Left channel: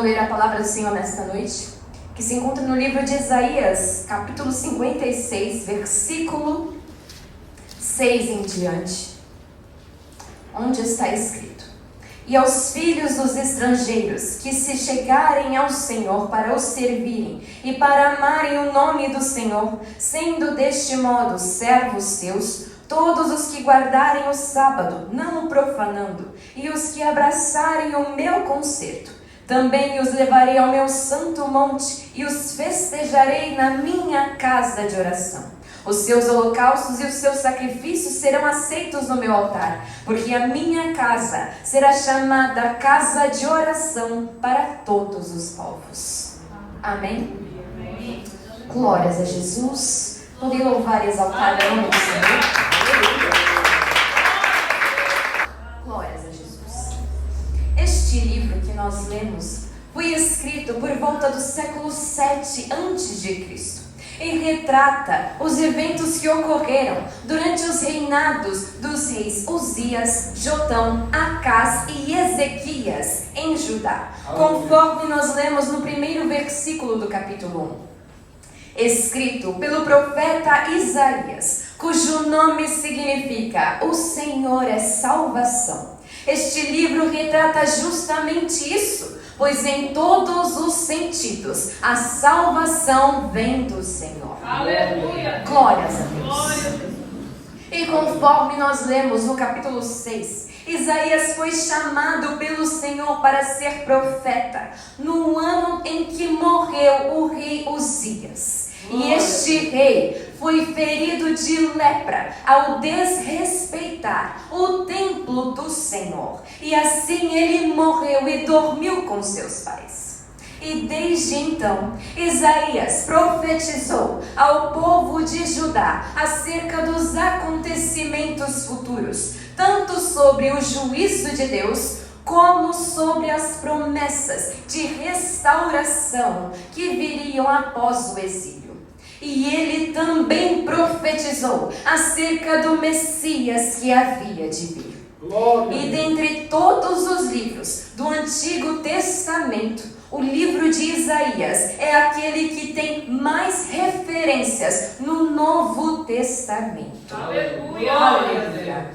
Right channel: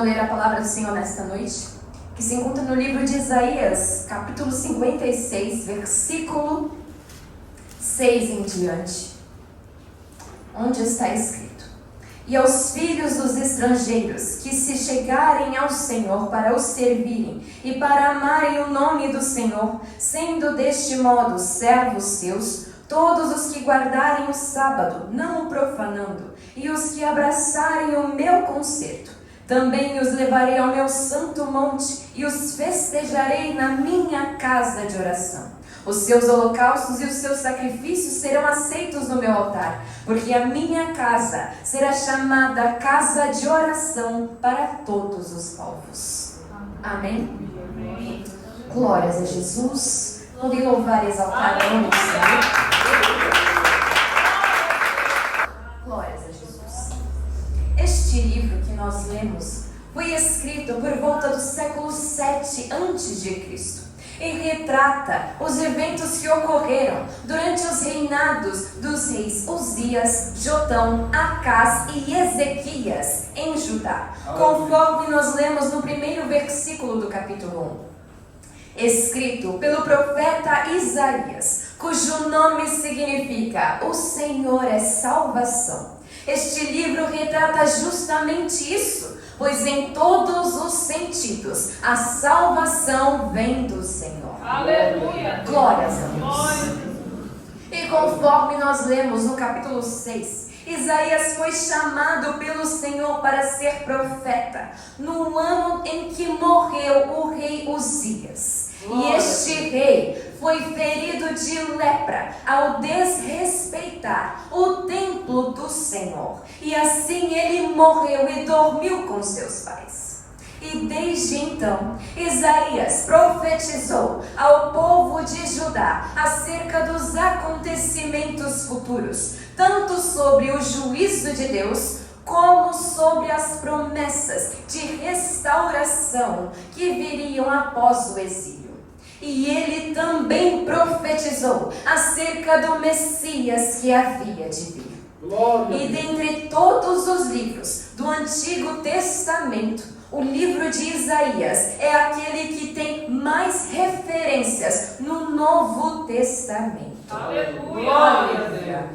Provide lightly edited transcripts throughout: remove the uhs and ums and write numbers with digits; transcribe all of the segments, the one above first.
vou ler a palavra do Senhor nesta noite, que se encontra no livro de Isaías, capítulo 56, versículo 6 em diante, onde está escrito: E aos filhos dos estrangeiros que se chegarem ao Senhor para o servirem e para amarem o nome do Senhor, sendo deste modo servos seus, todos os que guardarem o sábado, não o profanando, e os que abraçarem o meu concerto, também os levarei ao meu santo monte e os festejarei na minha casa de oração. Os seus holocaustos e os seus sacrifícios serão aceitos no meu altar, porque a minha casa será chamada casa de oração para todos os povos. Amém? Amém. Glórias a Jesus. Podem louvar e exaltar a nome do Senhor. Glórias a Jesus. Este livro que nós lemos foi escrito por volta do século 7 a.C. e retrata os eventos que ocorreram durante os reinados dos reis Uzias, Jotão, Acás e Ezequias em Judá, conforme nós lemos no primeiro versículo do capítulo 1. Escrito pelo profeta Isaías, cujo nome significa O Senhor é Salvação. Este livro retrata justamente isso, pois em todos os sentidos a salvação vem do Senhor. Aleluia! Glórias a Deus. E conforme nós lemos no capítulo 6, Isaías foi chamado pelo Senhor para ser profeta no ano em que morreu o rei Uzias. E este rei foi ferido de lepra ao desrespeitar o templo do Senhor. E assim ele morreu e dormiu com seus pais. E desde então, Isaías profetizou ao povo de Judá acerca dos acontecimentos futuros, tanto sobre o juízo de Deus, como sobre as promessas de restauração que viriam após o exílio. E ele também profetizou acerca do Messias que havia de vir. E dentre todos os livros do Antigo Testamento, o livro de Isaías é aquele que tem mais referências no Novo Testamento. Aleluia!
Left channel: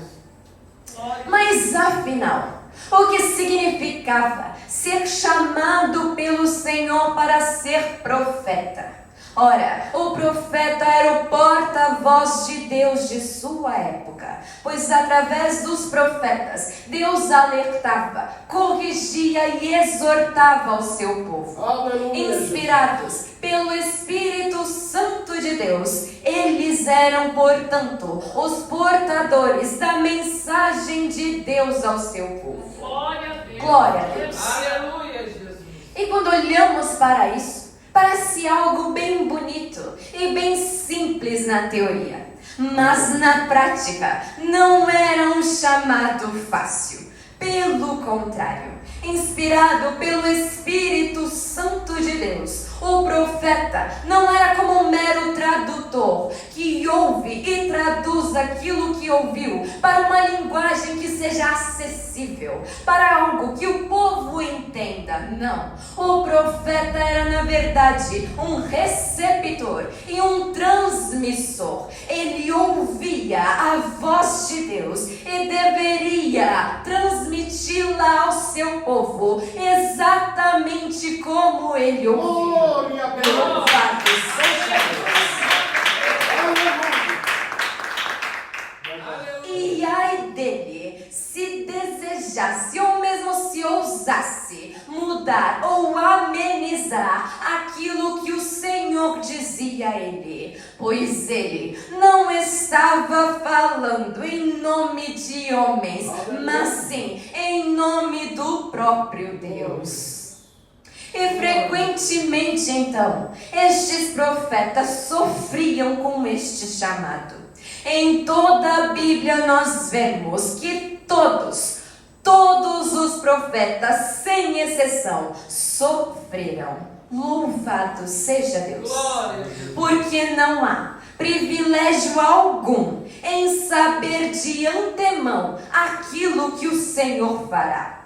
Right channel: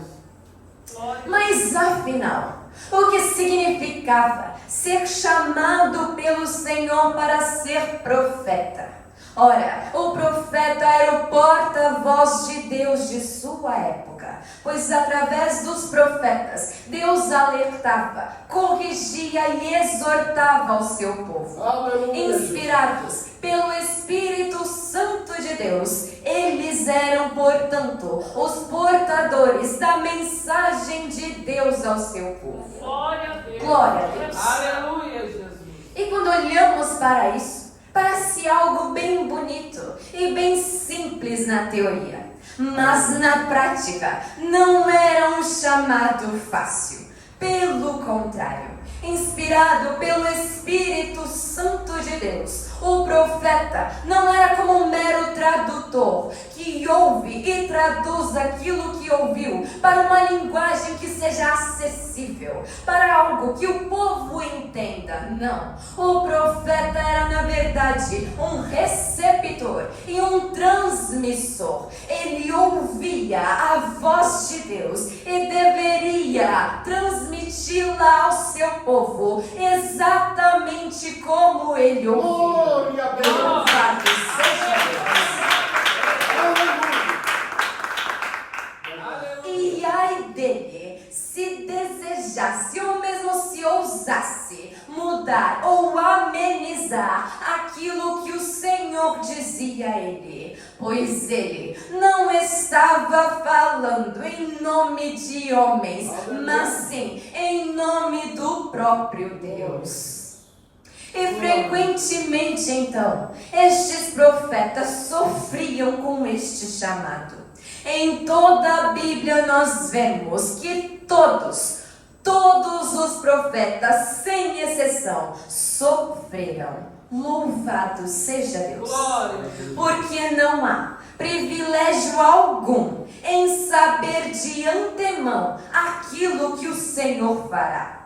Mas afinal, o que significava ser chamado pelo Senhor para ser profeta? Ora, o profeta era o porta-voz de Deus de sua época, pois através dos profetas, Deus alertava, corrigia e exortava o seu povo. Aleluia. Inspirados pelo Espírito Santo de Deus, eles eram, portanto, os portadores da mensagem de Deus ao seu povo. Glória a Deus. Glória a Deus. Aleluia, Jesus. E quando olhamos para isso, parece algo bem bonito e bem simples na teoria, mas na prática não era um chamado fácil. Pelo contrário, inspirado pelo Espírito Santo de Deus, o profeta não era como um mero tradutor que ouve e traduz aquilo que ouviu para uma linguagem que seja acessível, para algo que o povo entenda. Não, o profeta era na verdade um receptor e um transmissor. Ele ouvia a voz de Deus e deveria transmiti-la ao seu povo exatamente como ele ouviu. Louvado seja Deus. E ai dele, se desejasse ou mesmo se ousasse mudar ou amenizar aquilo que o Senhor dizia a ele, pois ele não estava falando em nome de homens, mas sim em nome do próprio Deus. E frequentemente, então, estes profetas sofriam com este chamado. Em toda a Bíblia nós vemos que todos os profetas, sem exceção, sofreram. Louvado seja Deus. Porque não há privilégio algum em saber de antemão aquilo que o Senhor fará.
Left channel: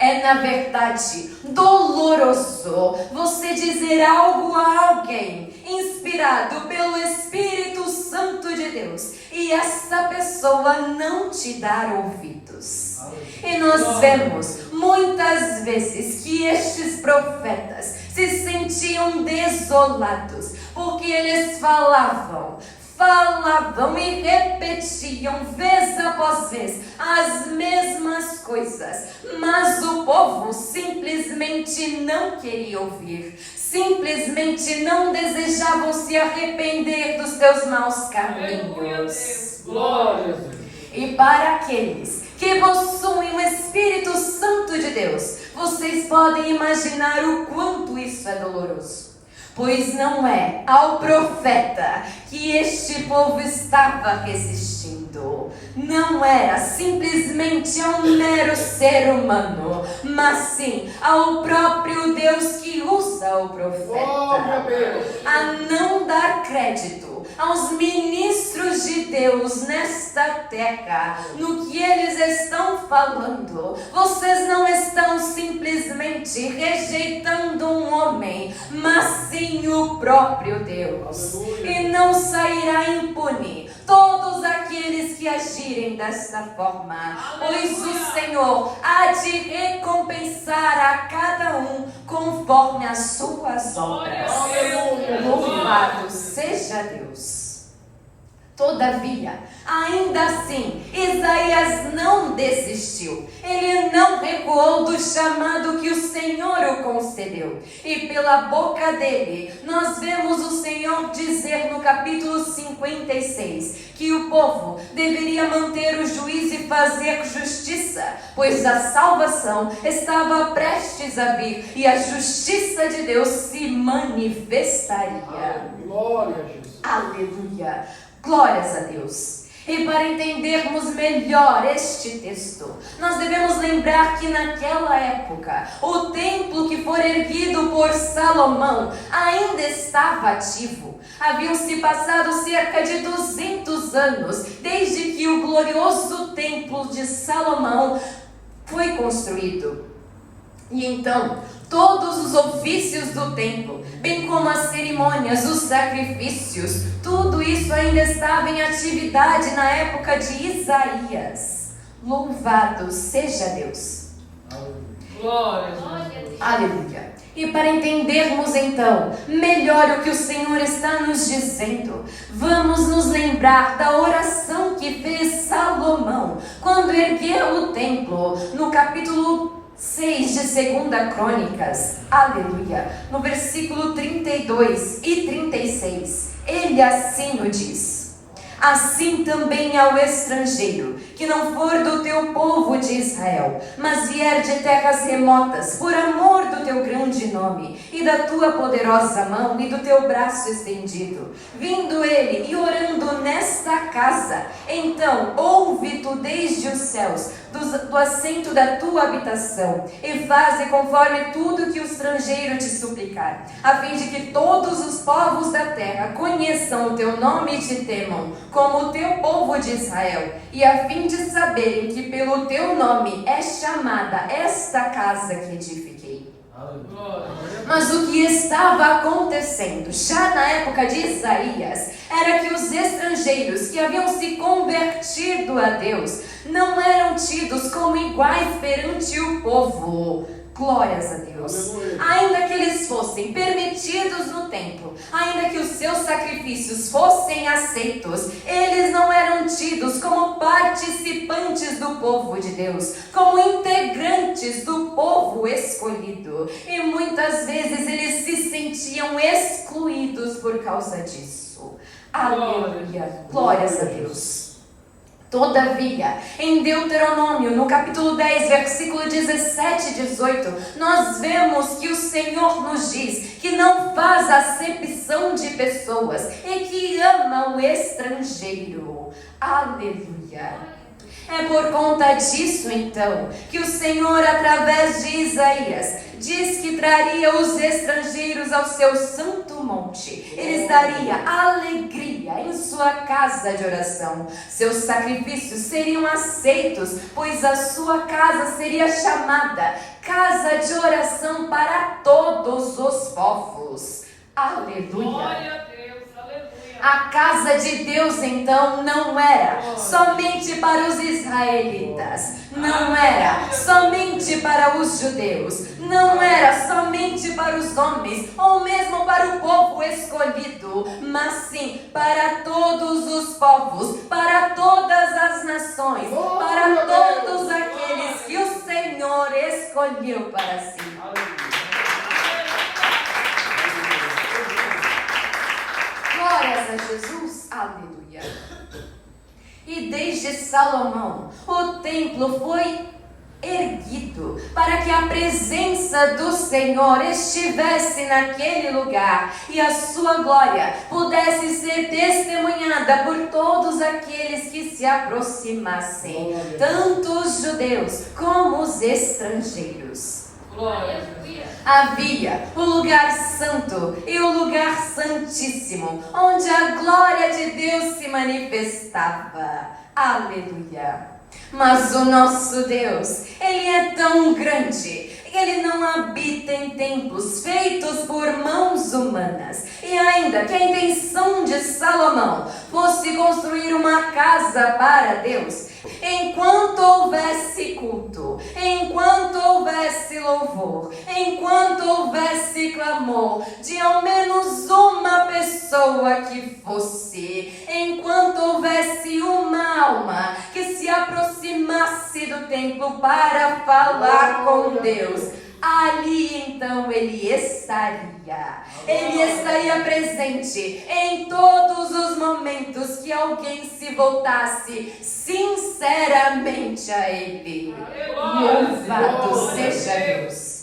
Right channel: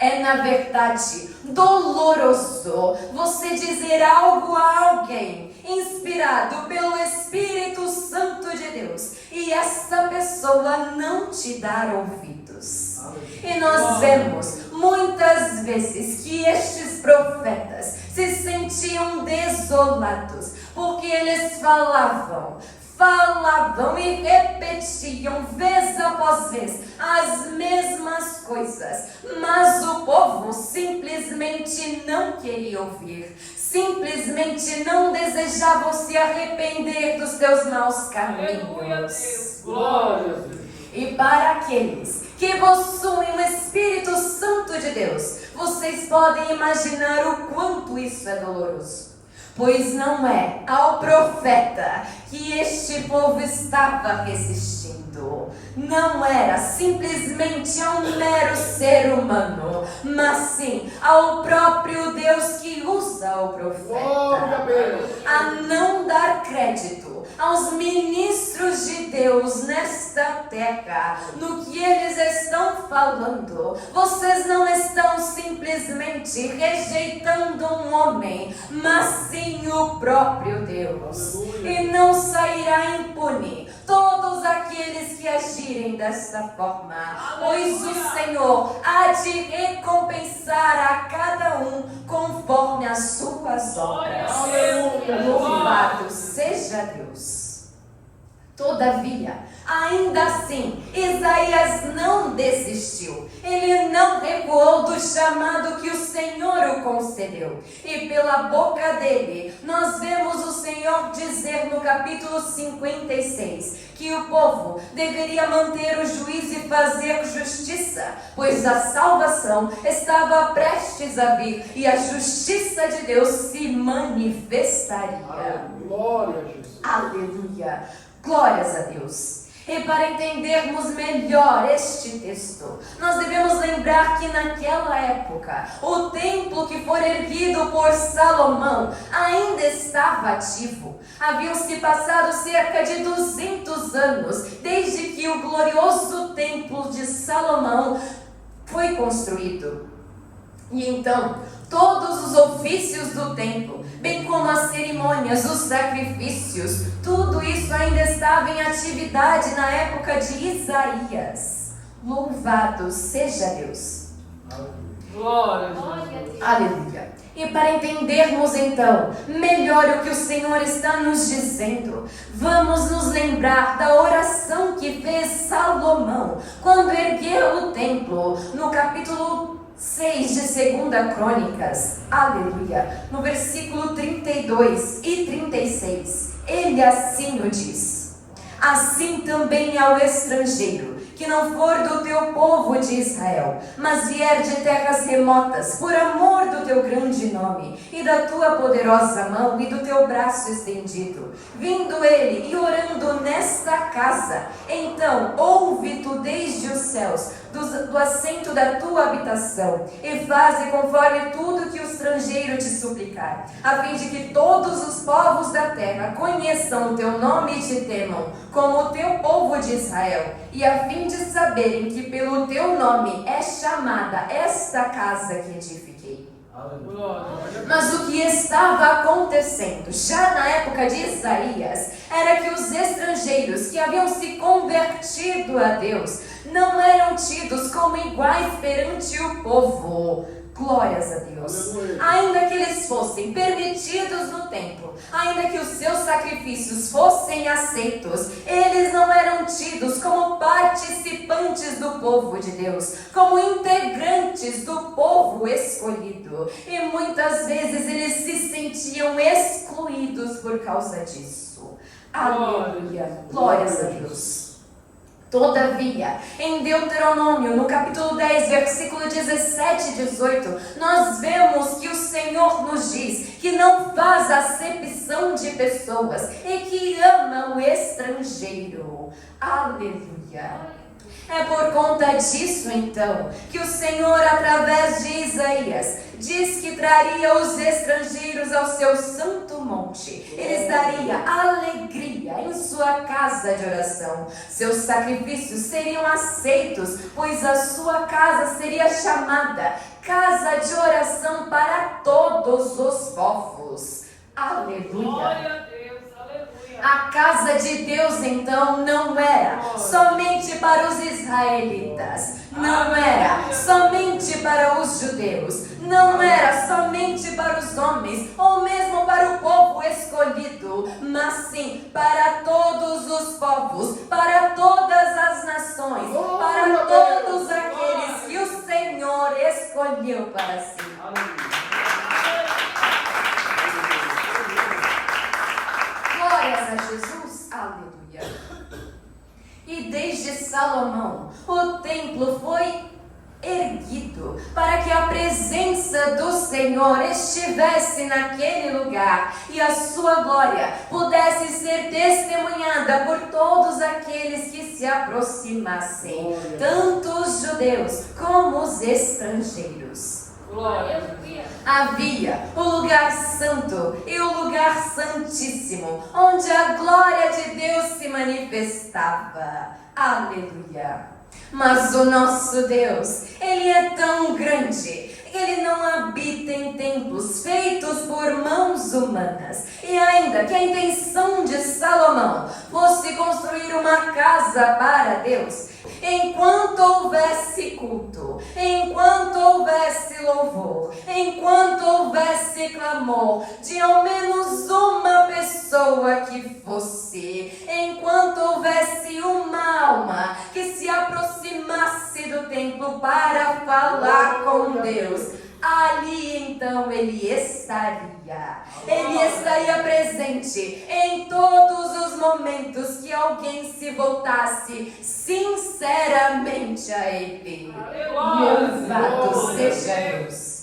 É, na verdade, doloroso você dizer algo a alguém inspirado pelo Espírito Santo de Deus e essa pessoa não te dar ouvidos. E nós vemos muitas vezes que estes profetas se sentiam desolados porque eles falavam e repetiam vez após vez as mesmas coisas, mas o povo simplesmente não queria ouvir, simplesmente não desejavam se arrepender dos seus maus caminhos. Glória a Deus. E para aqueles que possuem o Espírito Santo de Deus, vocês podem imaginar o quanto isso é doloroso. Pois não é ao profeta que este povo estava resistindo. Não era simplesmente a um mero ser humano, mas sim ao próprio Deus que usa o profeta. A não dar crédito aos ministros de Deus nesta terra, no que eles estão falando. Vocês não estão simplesmente rejeitando um homem, mas sim o próprio Deus. E não sairá impune todos aqueles que agirem desta forma, pois o Senhor há de recompensar a cada um conforme as suas obras. Louvado seja Deus. Todavia, ainda assim, Isaías não desistiu. Ele não recuou do chamado que o Senhor o concedeu. E pela boca dele, nós vemos o Senhor dizer no capítulo 56 que o povo deveria manter o juízo e fazer justiça, pois a salvação estava prestes a vir e a justiça de Deus se manifestaria. Glória a Jesus. Aleluia. Glórias a Deus. E para entendermos melhor este texto, nós devemos lembrar que naquela época, o templo que foi erguido por Salomão ainda estava ativo. Haviam-se passado cerca de 200 anos desde que o glorioso templo de Salomão foi construído. E então, todos os ofícios do templo, bem como as cerimônias, os sacrifícios, tudo isso ainda estava em atividade na época de Isaías. Louvado seja Deus. Glória a Deus. Aleluia. E para entendermos então melhor o que o Senhor está nos dizendo, vamos nos lembrar da oração que fez Salomão quando ergueu o templo, no capítulo 6 de 2 Crônicas, aleluia, no versículo 32 e 36, ele assim o diz: assim também ao estrangeiro, que não for do teu povo de Israel, mas vier de terras remotas, por amor do teu grande nome, e da tua poderosa mão, e do teu braço estendido, vindo ele e orando nesta casa, então ouve tu desde os céus, do assento da tua habitação, e faze conforme tudo que o estrangeiro te suplicar, a fim de que todos os povos da terra conheçam o teu nome e te temam, como o teu povo de Israel, e a fim de saberem que pelo teu nome é chamada esta casa que edifiquei. Mas o que estava acontecendo já na época de Isaías era que os estrangeiros que haviam se convertido a Deus não eram tidos como iguais perante o povo. Glórias a Deus. Ainda que eles fossem permitidos no templo, ainda que os seus sacrifícios fossem aceitos, eles não eram tidos como participantes do povo de Deus, como integrantes do povo escolhido. E muitas vezes eles se sentiam excluídos por causa disso. Aleluia. Glórias a Deus. Todavia, em Deuteronômio, no capítulo 10, versículo 17 e 18, nós vemos que o Senhor nos diz que não faz acepção de pessoas e que ama o estrangeiro. Aleluia! É por conta disso, então, que o Senhor, através de Isaías, diz que traria os estrangeiros ao seu santo monte. Ele daria alegria em sua casa de oração. Seus sacrifícios seriam aceitos, pois a sua casa seria chamada casa de oração para todos os povos. Aleluia! Glória a Deus, aleluia. A casa de Deus, então, não era somente para os israelitas, não era somente para os judeus, não era somente para os homens, ou mesmo para o povo escolhido, mas sim para todos os povos, para todas as nações, para todos aqueles que o Senhor escolheu para si. Glórias a Jesus, aleluia. E desde Salomão, o templo foi erguido para que a presença do Senhor estivesse naquele lugar e a sua glória pudesse ser testemunhada por todos aqueles que se aproximassem, tanto os judeus como os estrangeiros. Havia o lugar santo e o lugar santíssimo, onde a glória de Deus se manifestava. Aleluia! Mas o nosso Deus, Ele é tão grande, Ele não habita em templos feitos por mãos humanas. E ainda que a intenção de Salomão fosse construir uma casa para Deus, enquanto houvesse culto, enquanto houvesse louvor, enquanto houvesse clamor de ao menos uma pessoa que fosse, enquanto houvesse uma alma que se aproximasse do templo para falar com Deus, ali então Ele estaria presente em todos os momentos que alguém se voltasse sinceramente a Ele. Louvado seja Deus!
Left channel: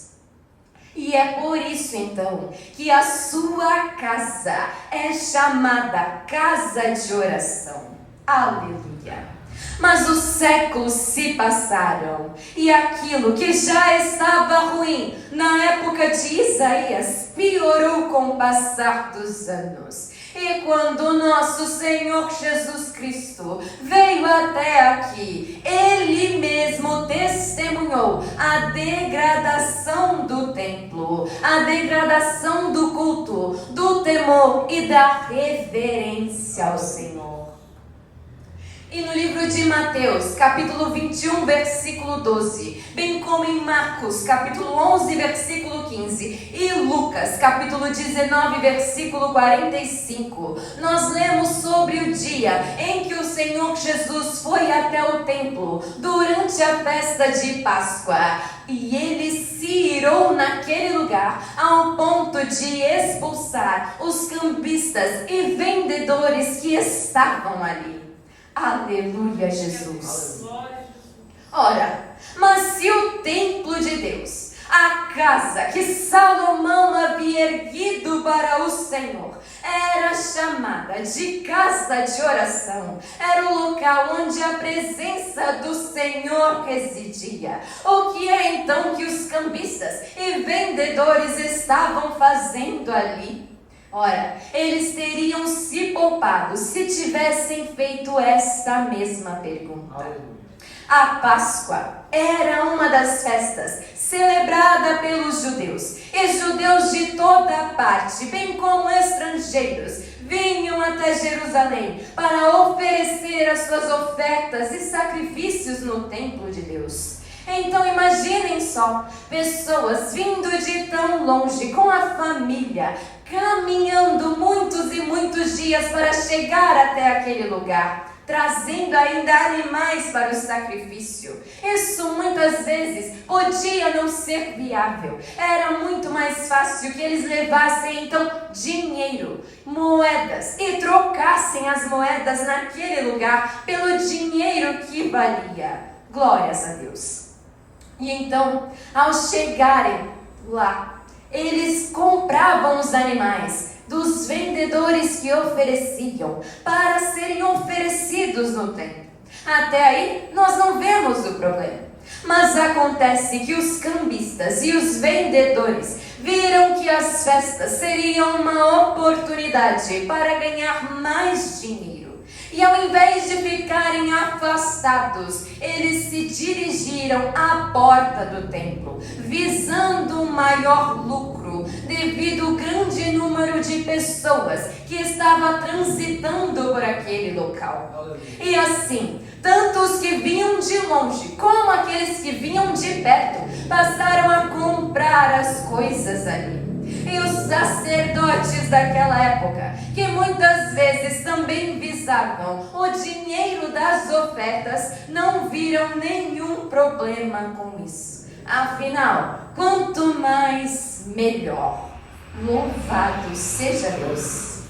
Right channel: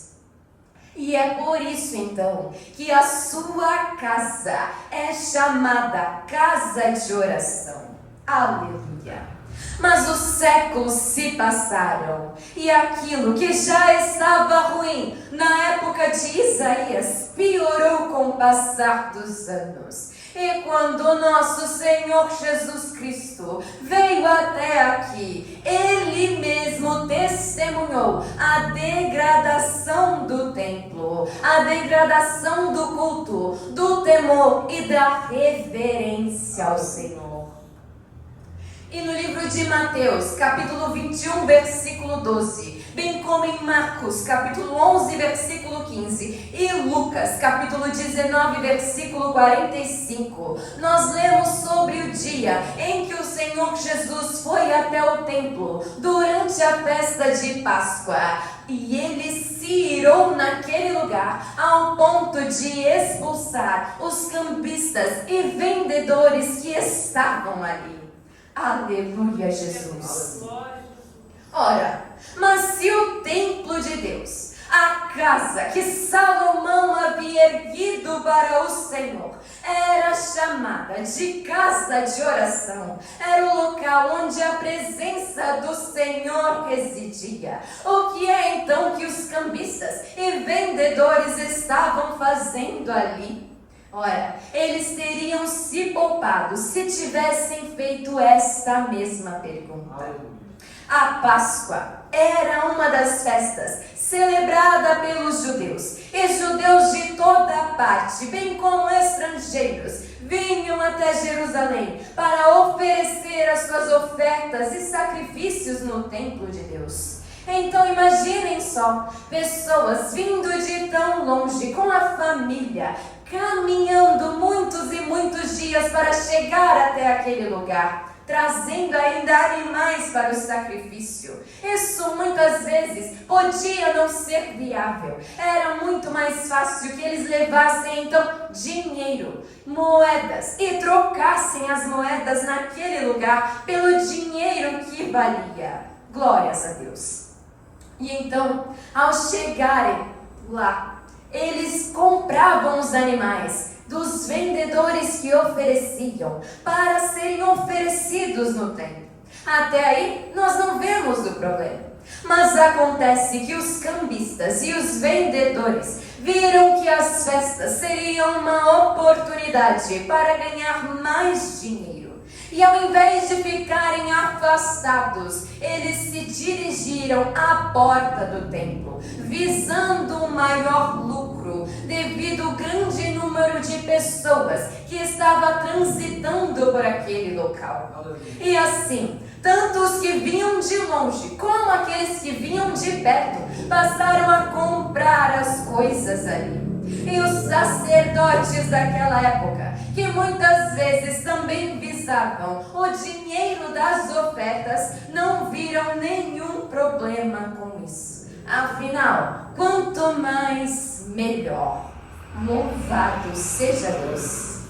E é por isso então que a sua casa é chamada casa de oração. Aleluia! Mas os séculos se passaram e aquilo que já estava ruim na época de Isaías piorou com o passar dos anos. E quando o nosso Senhor Jesus Cristo veio até aqui, Ele mesmo testemunhou a degradação do templo, a degradação do culto, do temor e da reverência ao Senhor. E no livro de Mateus, capítulo 21, versículo 12, bem como em Marcos, capítulo 11, versículo 15, e Lucas, capítulo 19, versículo 45, nós lemos sobre o dia em que o Senhor Jesus foi até o templo durante a festa de Páscoa. E Ele se irou naquele lugar ao ponto de expulsar os cambistas e vendedores que estavam ali. Aleluia, Jesus! Ora, mas se o templo de Deus, a casa que Salomão havia erguido para o Senhor, era chamada de casa de oração, era o local onde a presença do Senhor residia, o que é então que os cambistas e vendedores estavam fazendo ali? Ora, eles teriam se poupado se tivessem feito esta mesma pergunta. A Páscoa era uma das festas celebrada pelos judeus, e judeus de toda parte, bem como estrangeiros, vinham até Jerusalém para oferecer as suas ofertas e sacrifícios no templo de Deus. Então imaginem só, pessoas vindo de tão longe com a família, caminhando muitos e muitos dias para chegar até aquele lugar, trazendo ainda animais para o sacrifício. Isso muitas vezes podia não ser viável. Era muito mais fácil que eles levassem então dinheiro, moedas, e trocassem as moedas naquele lugar pelo dinheiro que valia. Glórias a Deus! E então, ao chegarem lá, eles compravam os animais dos vendedores que ofereciam para serem oferecidos no templo. Até aí, nós não vemos o problema. Mas acontece que os cambistas e os vendedores viram que as festas seriam uma oportunidade para ganhar mais dinheiro. E ao invés de ficarem afastados, eles se dirigiram à porta do templo, visando um maior lucro, devido ao grande número de pessoas que estava transitando por aquele local. E assim, tanto os que vinham de longe, como aqueles que vinham de perto, passaram a comprar as coisas ali. E os sacerdotes daquela época, que muitas vezes também visavam o dinheiro das ofertas, não viram nenhum problema com isso. Afinal, quanto mais, melhor. Louvado seja Deus.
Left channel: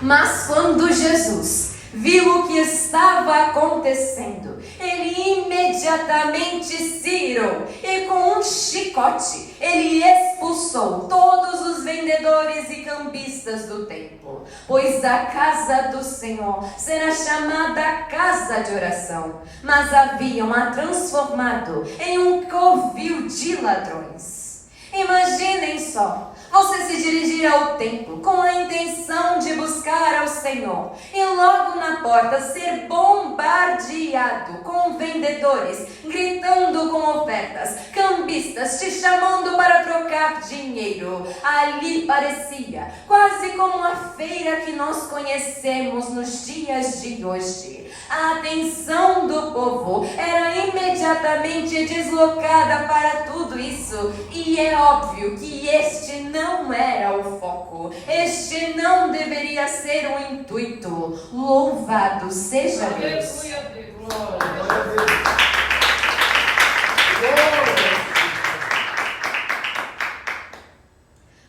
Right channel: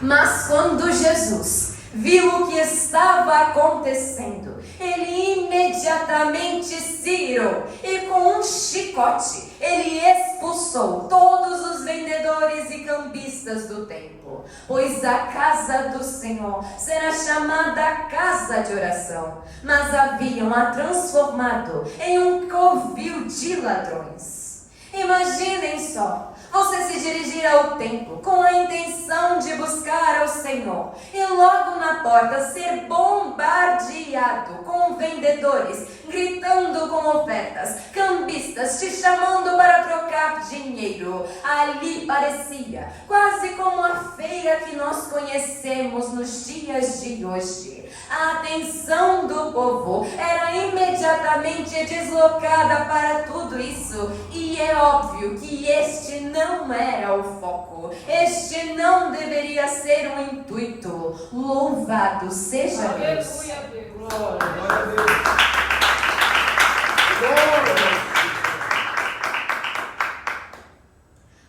Mas quando Jesus viu o que estava acontecendo, ele imediatamente se irou e com um chicote ele expulsou todos os vendedores e cambistas do templo, pois a casa do Senhor será chamada casa de oração, mas haviam a transformado em um covil de ladrões. Imaginem só, você se dirigir ao templo com a intenção de buscar ao Senhor e logo na porta ser bombardeado com vendedores, gritando com ofertas, cambistas te chamando para trocar dinheiro. Ali parecia quase como a feira que nós conhecemos nos dias de hoje. A atenção do povo era imediatamente deslocada para tudo isso, e é óbvio que este não era o foco, este não deveria ser o intuito. Louvado seja Deus.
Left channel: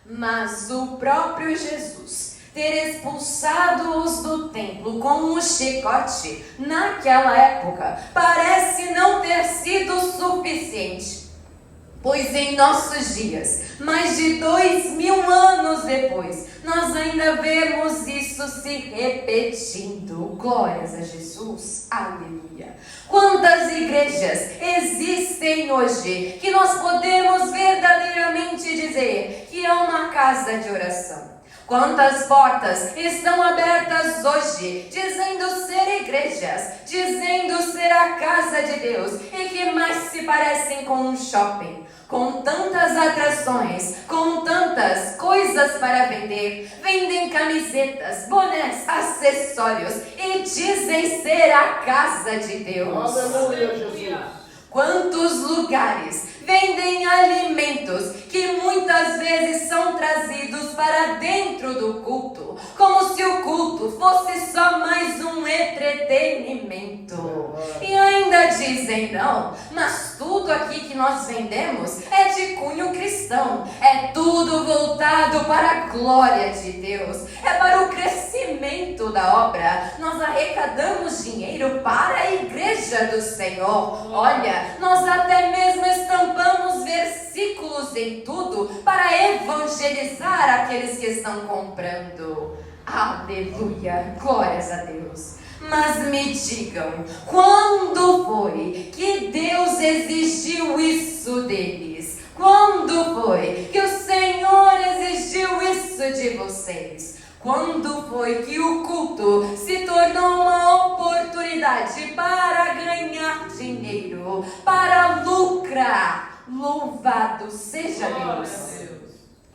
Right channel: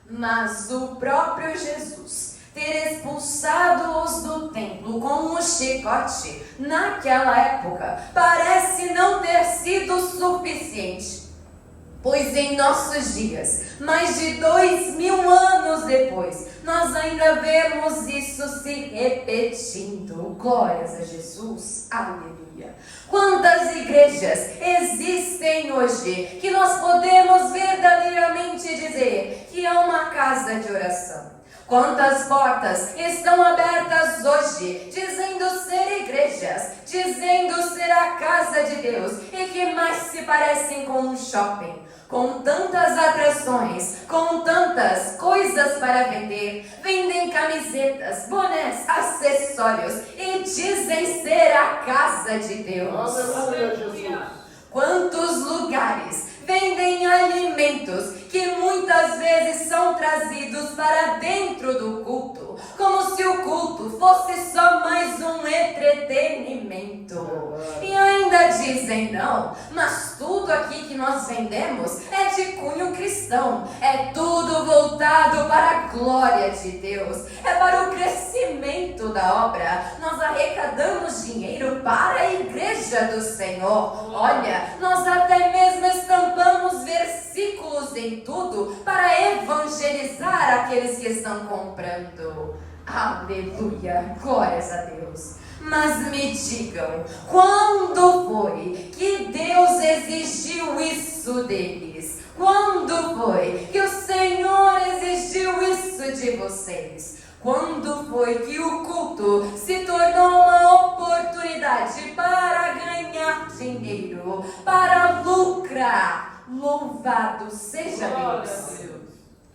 Mas o próprio Jesus ter expulsado-os do templo com um chicote, naquela época, parece não ter sido suficiente. Pois em nossos dias, mais de 2000 anos depois, nós ainda vemos isso se repetindo. Glórias a Jesus, aleluia. Quantas igrejas existem hoje que nós podemos verdadeiramente dizer que é uma casa de oração? Quantas portas estão abertas hoje, dizendo ser igrejas, dizendo ser a casa de Deus, e que mais se parecem com um shopping, com tantas atrações, com tantas coisas para vender, vendem camisetas, bonés, acessórios, e dizem ser a casa de Deus. Aleluia, Jesus. Quantos lugares vendem alimentos que muitas vezes são trazidos para dentro do culto, como se o culto fosse só mais um entretenimento. E ainda dizem não, mas tudo aqui que nós vendemos é de cunho cristão, é tudo voltado para a glória de Deus, é para o crescimento da obra. Nós arrecadamos dinheiro para a igreja do Senhor. Olha, nós até mesmo estampamos versículos em tudo para evangelizar aqueles que estão comprando. Aleluia, glórias a Deus. Mas me digam, quando foi que Deus exigiu isso deles? Quando foi que o Senhor exigiu isso de vocês? Quando foi que o culto se tornou uma oportunidade para ganhar dinheiro, para lucrar? Louvado seja Deus.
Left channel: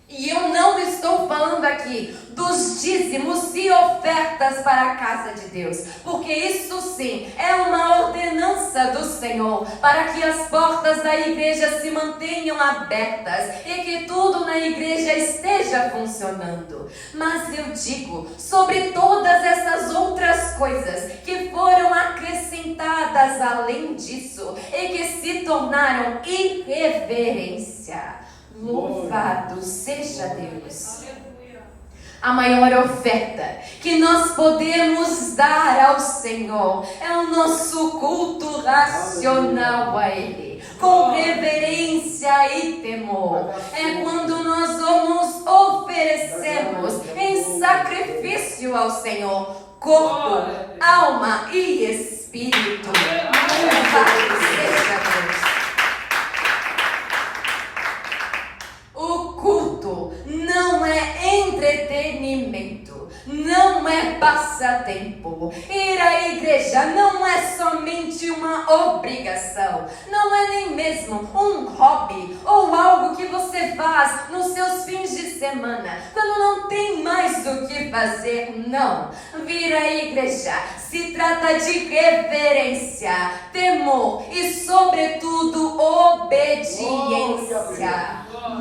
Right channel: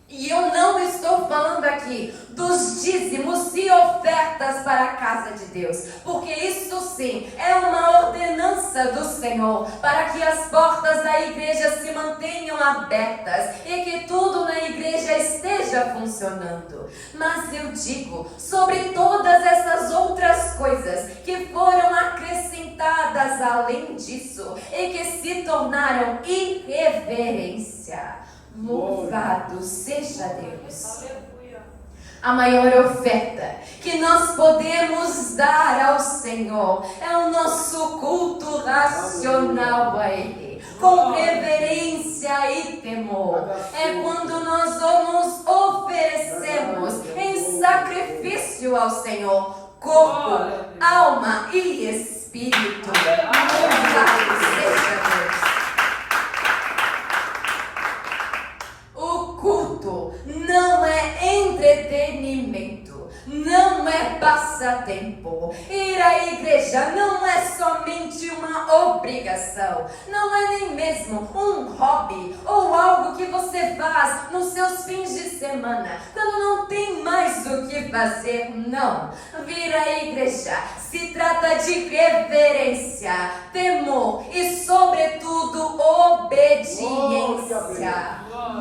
E eu não estou falando aqui dos dízimos e ofertas para a casa de Deus, porque isso sim é uma ordenança do Senhor para que as portas da igreja se mantenham abertas e que tudo na igreja esteja funcionando. Mas eu digo sobre todas essas outras coisas que foram acrescentadas além disso e que se tornaram irreverência. Louvado seja Deus. A maior oferta que nós podemos dar ao Senhor é o nosso culto racional a Ele, com reverência e temor. É quando nós nos oferecemos em sacrifício ao Senhor, corpo, alma e espírito. Espírito. Louvado seja Deus. O culto não é entretenimento, não é passatempo. Ir à igreja não é somente uma obrigação, não é nem mesmo um hobby ou algo que você faz nos seus fins de semana, quando não tem mais o que fazer, não. Vir à igreja se trata de reverência, temor e, sobretudo, obediência.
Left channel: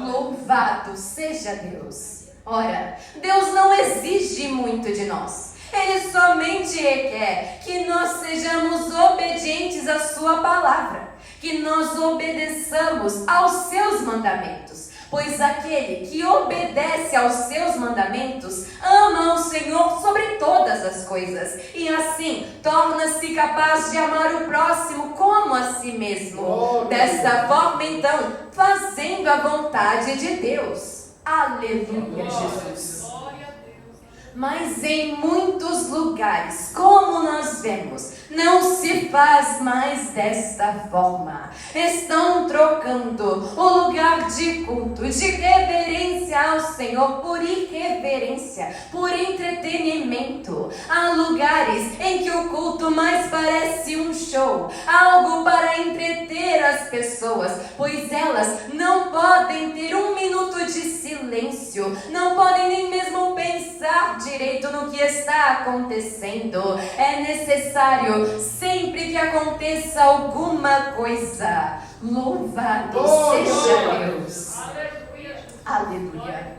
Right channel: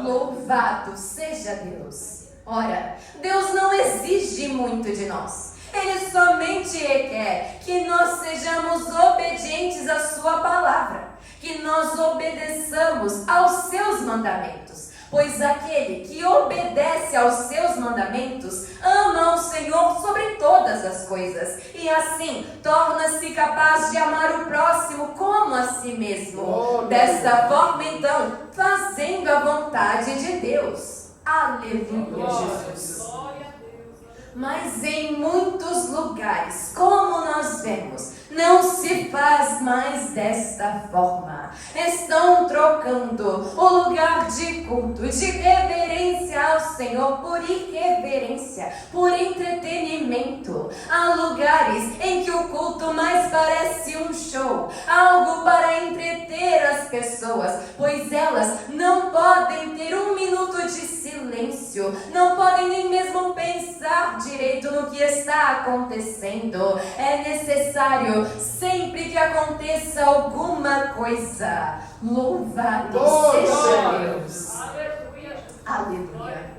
Louvado seja Deus. Ora, Deus não exige muito de nós. Ele somente quer que nós sejamos obedientes à sua palavra, que nós obedeçamos aos seus mandamentos. Pois aquele que obedece aos seus mandamentos ama ao Senhor sobre todas as coisas, e assim torna-se capaz de amar o próximo como a si mesmo. Desta forma, então, fazendo a vontade de Deus. Aleluia, Jesus. Mas em muitos lugares, como nós vemos, não se faz mais desta forma. Estão trocando o lugar de culto, de reverência ao Senhor, por irreverência, por entretenimento. Há lugares em que o culto mais parece um show, algo para entreter as pessoas, pois elas não podem ter um minuto de silêncio, não podem nem mesmo pensar direito no que está acontecendo. É necessário sempre que aconteça alguma coisa. Louvado seja Deus. Aleluia.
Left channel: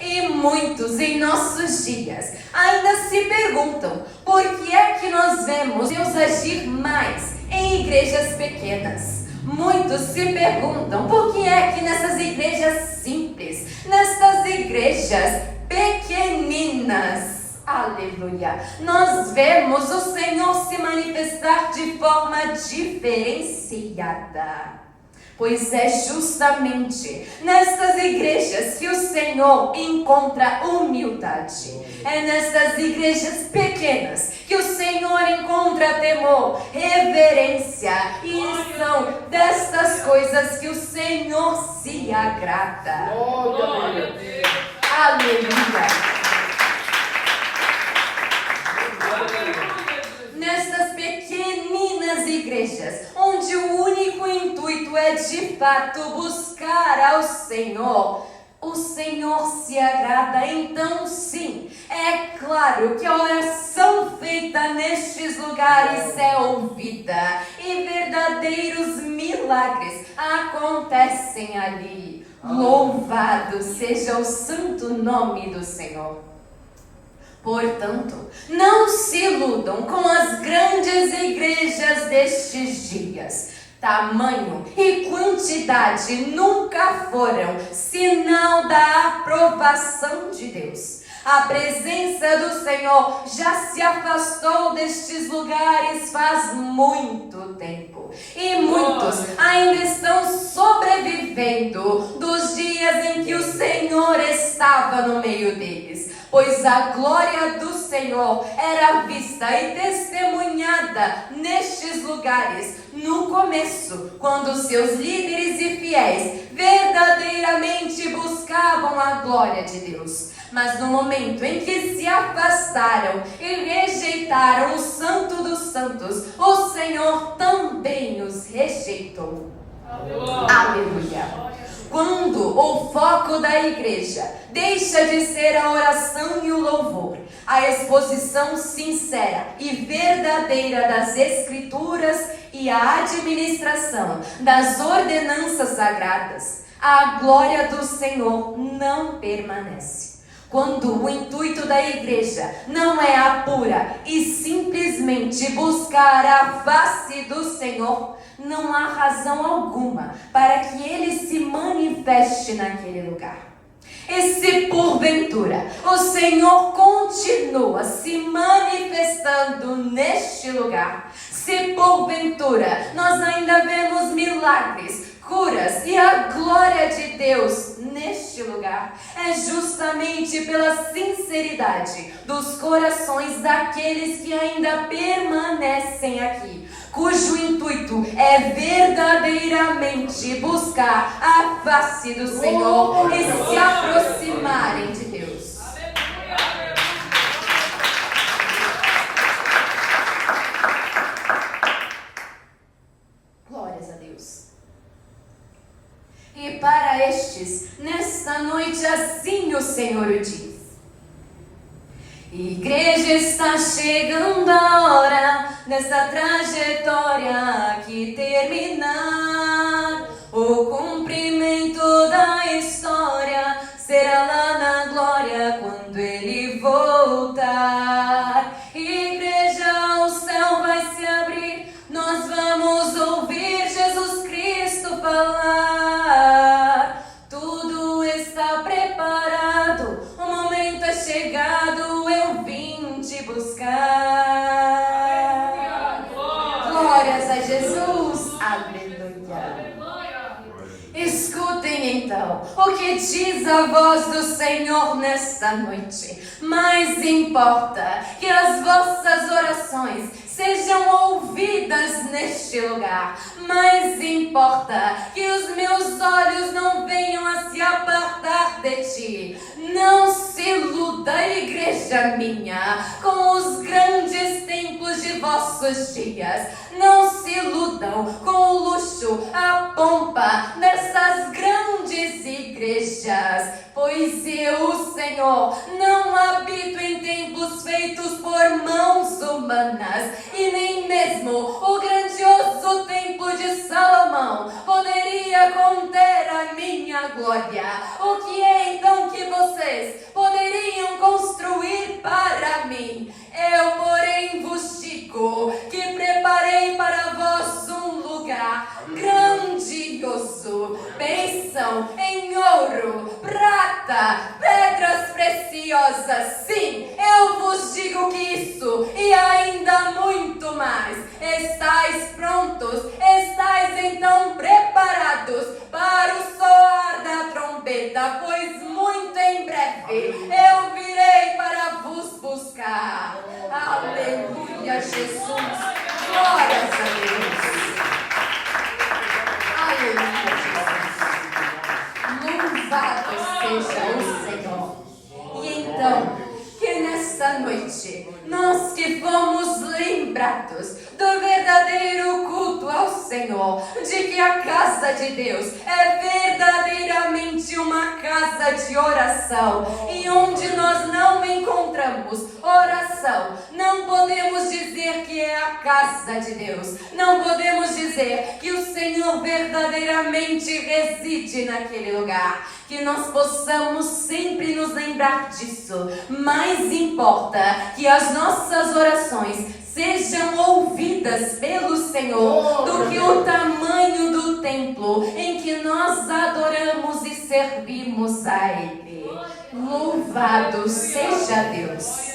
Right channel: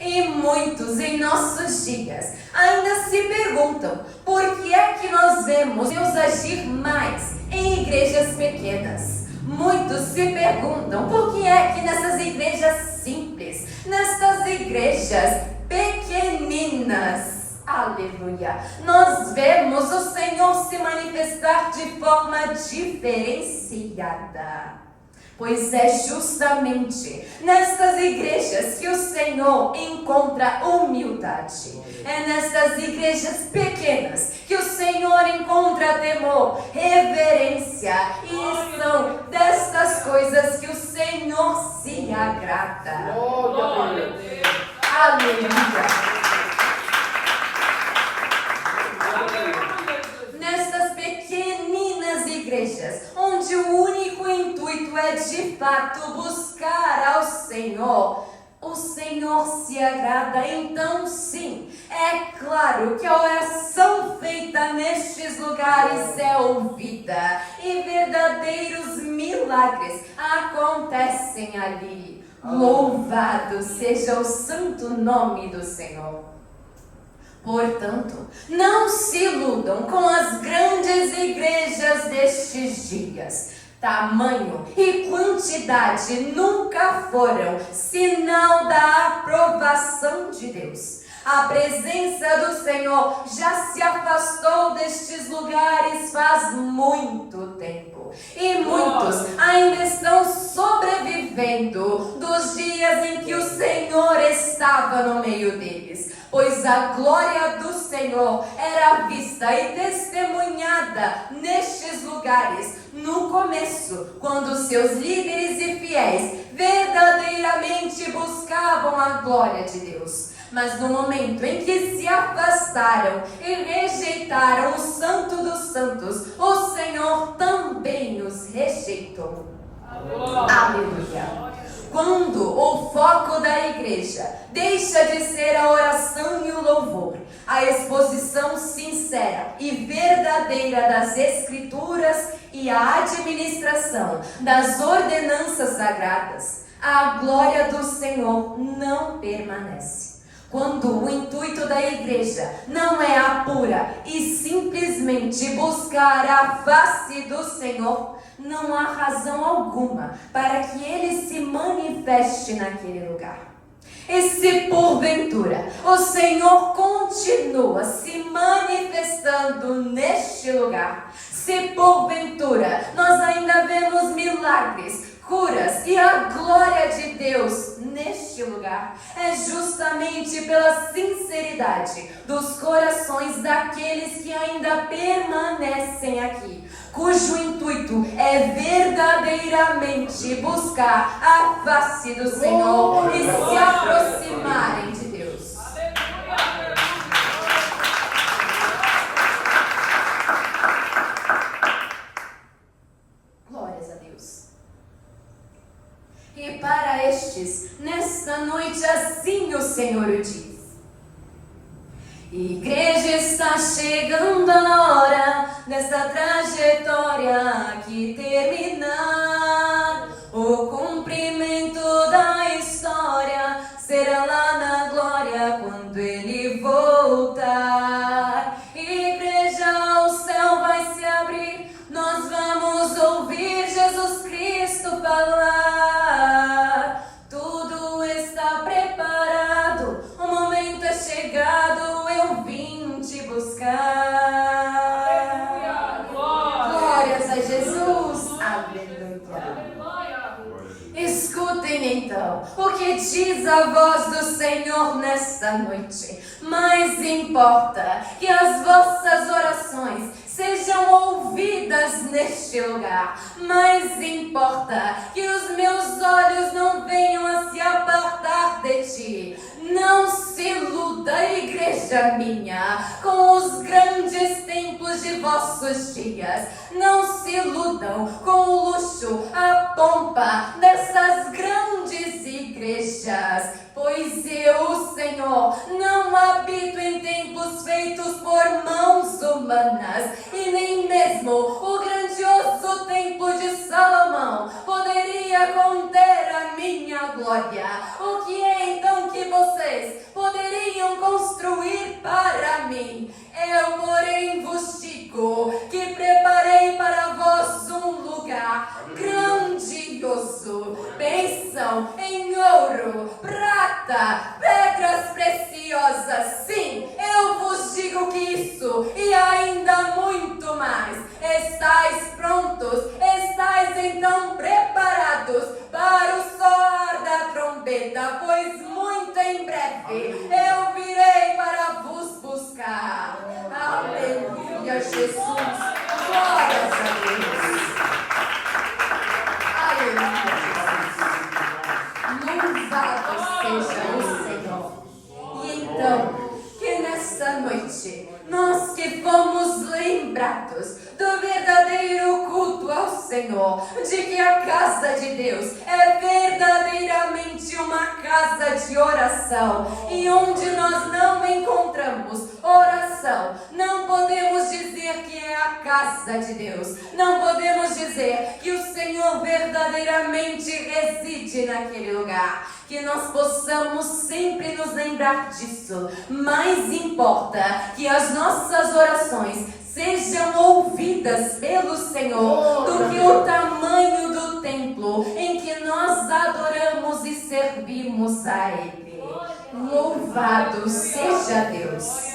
E muitos em nossos dias ainda se perguntam por que é que nós vemos Deus agir mais em igrejas pequenas. Muitos se perguntam por que é que nessas igrejas simples, nessas igrejas pequeninas, aleluia, nós vemos o Senhor se manifestar de forma diferenciada. Pois é justamente nessas igrejas que o Senhor encontra humildade. É nessas igrejas pequenas que o Senhor encontra temor, reverência. E são dessas coisas que o Senhor se agrada. Aleluia. Nessas pequeninas igrejas, onde o único intuito é de fato buscar ao Senhor, o Senhor se agrada. Então sim, é claro que a oração feita nestes lugares é ouvida e verdadeiros milagres acontecem ali. Louvado seja o santo nome do Senhor. Portanto, não se iludam com as grandes igrejas destes dias. Tamanho e quantidade nunca foram sinal da aprovação de Deus. A presença do Senhor já se afastou destes lugares faz muito tempo. E muitos ainda estão sobrevivendo dos dias em que o Senhor estava no meio deles. Pois a glória do Senhor era vista e testemunhada nestes lugares no começo, quando seus líderes e fiéis verdadeiramente buscavam a glória de Deus. Mas no momento em que se afastaram e rejeitaram o Santo dos Santos, o Senhor também os rejeitou. Aleluia. Quando o foco da igreja deixa de ser a oração e o louvor, a exposição sincera e verdadeira das Escrituras e a administração das ordenanças sagradas, a glória do Senhor não permanece. Quando o intuito da igreja não é a pura e simplesmente buscar a face do Senhor, não há razão alguma para que Ele se manifeste naquele lugar. E se porventura o Senhor continua se manifestando neste lugar, se porventura nós ainda vemos milagres curas e a glória de Deus neste lugar. É justamente pela sinceridade dos corações daqueles que ainda permanecem aqui, cujo intuito é verdadeiramente buscar a face do Senhor e se aproximarem de Deus. Glórias a Deus. E para estes, nesta noite, assim o Senhor o diz: Igreja, está chegando a hora desta trajetória que terminar. O cumprimento da história será lá na glória quando Ele voltar. Igreja, o céu vai se abrir, nós vamos ouvir Jesus Cristo falar. Tudo está preparado, o momento é chegado, eu vim te buscar. Glórias a Jesus, aleluia. Escutem então o que diz a voz do Senhor nesta noite. Mais importa que as vossas orações sejam ouvidas neste lugar. Mais importa que os meus olhos não venham a se apartar de ti. Não se iluda, igreja minha, com os grandes templos de vossos dias. Não se iludam com o luxo, a pompa dessas grandes igrejas. Pois eu, Senhor, não habito em templos feitos por mãos humanas, e nem mesmo o grandioso templo de Salomão poderia conter a minha glória. O que é então que vocês poderiam construir para mim? Eu, porém, vos digo que preparei para vós um lugar grandioso. Pensam em ouro, prata, pedras preciosas. Sim, eu vos digo que isso e ainda muito mais. Estais prontos? Estais então preparados para o soar da trombeta? Pois muito em breve eu virei para vos buscar. Aleluia, Jesus. Glórias a Deus. Aleluia, Jesus. Louvado seja o Senhor. E então, que nesta noite, nós que fomos lembrados do verdadeiro culto ao Senhor, de que a casa de Deus é verdadeiramente uma casa de oração, e onde nós não encontramos oração, não podemos dizer que é a casa de Deus, não podemos dizer que o Senhor verdadeiramente reside naquele lugar. Que nós possamos sempre nos lembrar disso. Mais importa que as nossas orações sejam ouvidas pelo Senhor do que o tamanho do templo em que nós adoramos e servimos a Ele. Louvado seja Deus.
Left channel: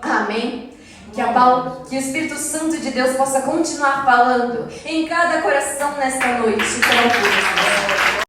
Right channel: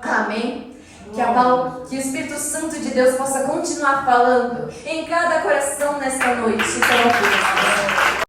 Amém. Que o Espírito Santo de Deus possa continuar falando em cada coração nesta noite.